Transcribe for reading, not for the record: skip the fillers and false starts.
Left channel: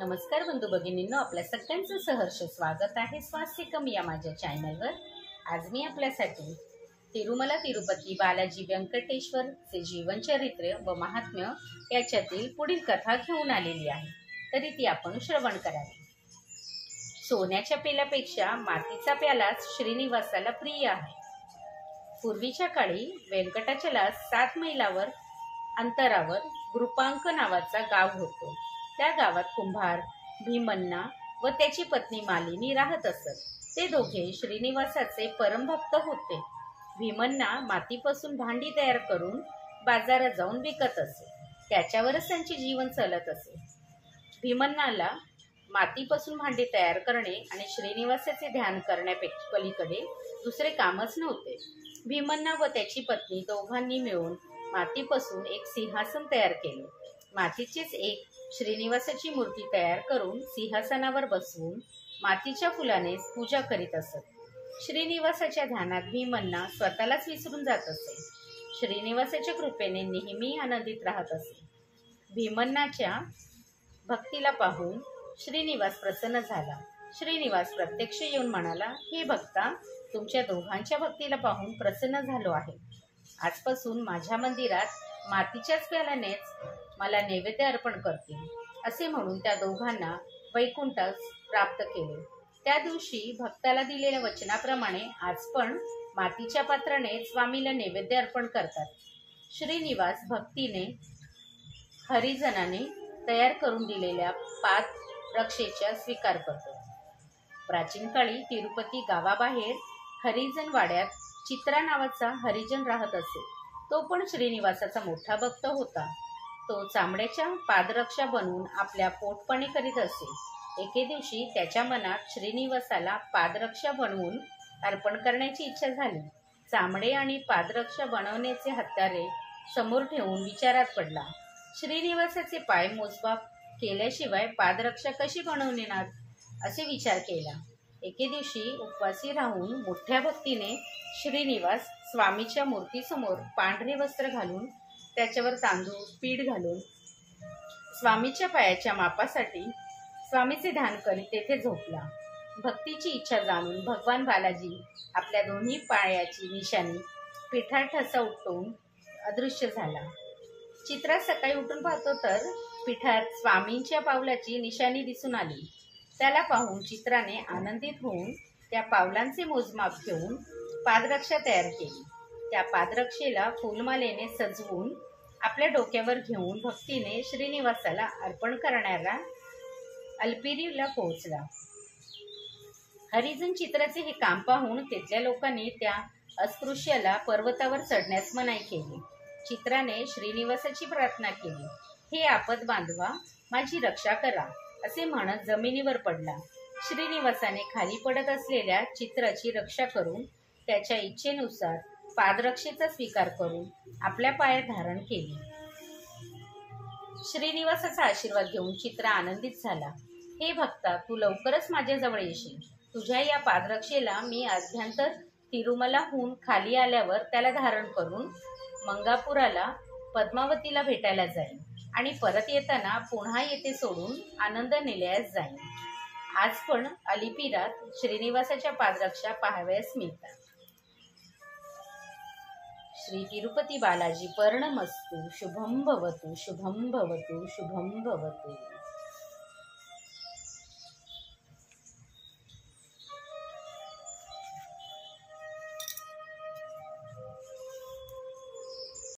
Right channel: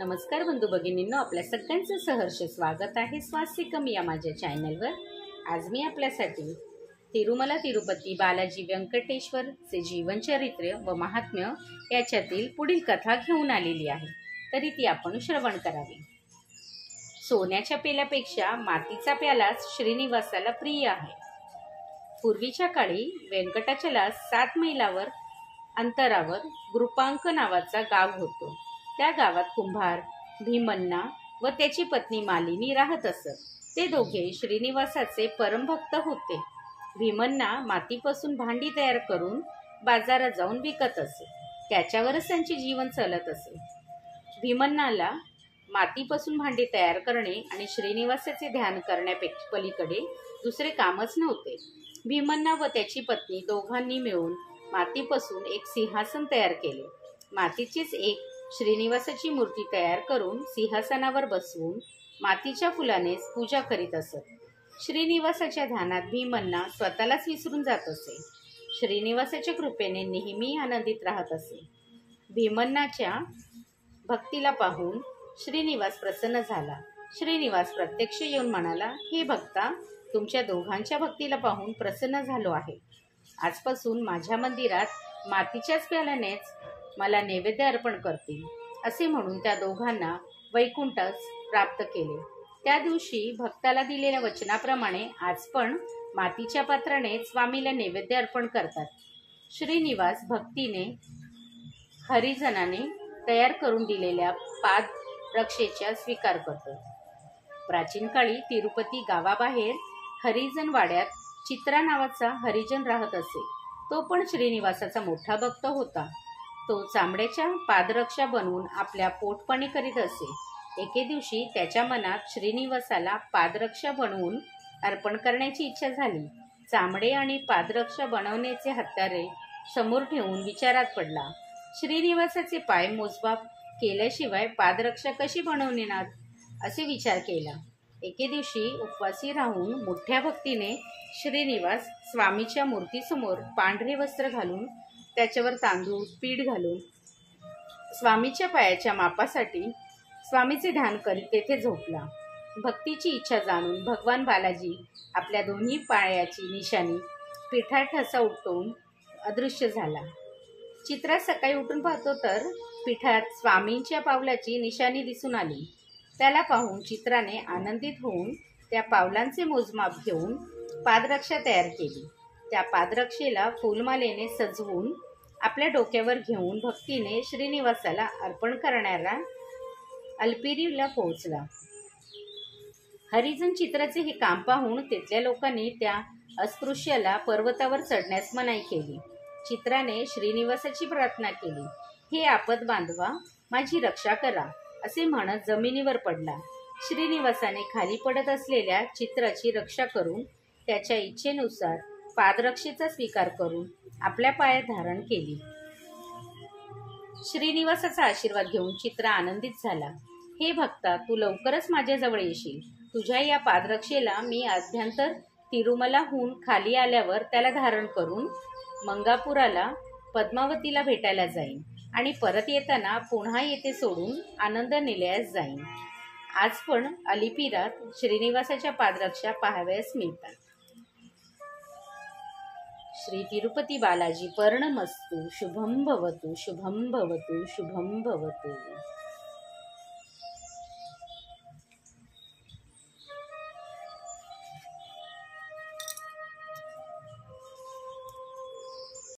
नमस्कार बंधू भगिनींनो, आपल्या सगळ्यांचं सहर्ष स्वागत आहे स्वास्तिकम या माझ्या चॅनलवर। आज मी आपल्यासाठी तिरुमला तिरुपती बालाजी व्यंकटेश्वरचे जीवनचरित्र व महात्म्य याच्यातील पुढील कथा घेऊन आलेली आहे, तरी ती आपण श्रवण करावी। सोन्याच्या पेल्यापेक्षा मातीचा प्यालाच श्रीनिवासाला प्रिय आहे। पूर्वीच्या काळी व्यंकटाचला 7 मैलावर अंतरावर गुरुपांक नावाचा गाव होतो। त्या गावात कुंभार भीमन्ना व त्याची पत्नी मालिनी राहत असत। ते दोघे श्रीनिवासाचे परमभक्त होते। भीमन्ना मातीपासून भांडी तयार करून बाजारात जाऊन विकत असे, त्याच्यावरच त्यांचे जीवन चालत असे। भीमन्नाला मातीपासून भांडी तयार करणे आणि श्रीनिवासाचे ध्यान करण्यापेक्षा पलीकडे दुसरे कामच नव्हते। भीमन्ना व त्याची पत्नी दोघांनी मिळून मातीपासून एक सिंहासन तयार केले। मातीचीच एक श्रीनिवासाची मूर्ती तयार करून सिंहासनावर बसवून मातीच्या फुलानेच पूजा करीत असत। श्रीनिवासाच्या ध्यानात भीमन्ना स्वतःलाच विसरून जात असे। श्रीनिवासाच्या कृपेने नेहमी आनंदित राहत असे। भीमन्नाच्या भक्तीला पाहून श्रीनिवास प्रसन्न झाला। श्रीनिवास प्रत्यक्ष येऊन म्हणाला, हे भक्ता, तुमच्या दोघांच्या भक्तीला पाहून प्रसन्न झालो आहे। आजपासून माझ्या मंदिरात मातीच्याच प्याल्यानेच मला नैवेद्य अर्पण करतील। असे म्हणून त्या दोघांना वैकुंठच प्राप्त केले। त्या दिवशी भक्ताला दिलेल्या वचनाप्रमाणे आज पण मातीच्या पात्राने स्वामीला नैवेद्य अर्पण करतात। श्रीनिवास भक्तीने हरिजनाने तयार करून दिलेल्या पादरक्षेचा स्वीकार करतो। प्राचीन काळी तिरुपती गावाबाहेर हरिजन वाड्यात चित्रा नावाचा हरिजन राहत असे। तो पण श्रीनिवासाचा मोठा भक्त होता। तो चामड्याच्या पादरक्षा बनवून आपल्या पोटपाणी करीत असे। एके दिवशी त्याच्या मनात श्रीनिवासाला पादरक्षा बनवून अर्पण करण्याची इच्छा झाली। चामडे आणि पादरक्षा बनवण्याचे हत्यारे समोर ठेवून विचारात पडला, श्रीनिवासाचे पाय मोजमाप केल्याशिवाय पादरक्षा कशी बनवणार, असे विचार केला। एके दिवशी उपवासी राहून मोठ्या भक्तीने श्रीनिवास स्वामीच्या मूर्तीसमोर पांढरे वस्त्र घालून त्याच्यावर तांदूळ पीठ घालून स्वामीच्या पायाच्या मापासाठी स्वामीचे ध्यान करीत तेथे झोपला। भक्तीची इच्छा जाणून भगवान बालाजी आपल्या दोन्ही पायाची निशाणी पिठात ठसा उठवून अदृश्य झाला। चित्रा सकाळी उठून पाहतो तर पिठात स्वामींच्या पावलाची निशाणी दिसून आली। त्याला पाहून चित्राने आनंदित होऊन त्या पावलांचे मोजमाप घेऊन पादरक्षा तयार केली। त्या पादरक्षेला फुलमालेने सजवून आपल्या डोक्यावर घेऊन भक्तीने श्रीनिवासाला अर्पण करणारा अल्पिरीला पोहोचला। हरिजन चित्राचे हे काम पाहून तिथल्या लोकांनी त्या अस्पृश्याला पर्वतावर चढण्यास मनाई केली। चित्राने श्रीनिवासाची प्रार्थना केली, हे आपद बांधवा, माझी रक्षा करा, असे म्हणत जमिनीवर पडला। श्रीनिवासाने खाली पडत असलेल्या चित्राची रक्षा करून त्याच्या इच्छेनुसार पादरक्षेचा स्वीकार करून आपल्या पायात धारण केली। श्रीनिवासाचा आशीर्वाद घेऊन चित्रा आनंदित झाला। हे भक्ता, तू लवकरच माझ्याजवळ येशील। तुझ्या या पादरक्षेला मी अभ्यंतर तिरुमलाहून खाली आल्यावर त्याला धारण करून मंगापुराला पद्मावतीला भेटायला जाईन आणि परत येताना पुन्हा येथे सोडून आनंद निलयास जाईन। आज पण अलिपिरात श्रीनिवासाच्या पादरक्षा पाहावयास मिळतात। श्री तिरुपती बालाजी पर्णमस्तु। शुभम भवतु, शुभम भवतु, शुभम भवतु।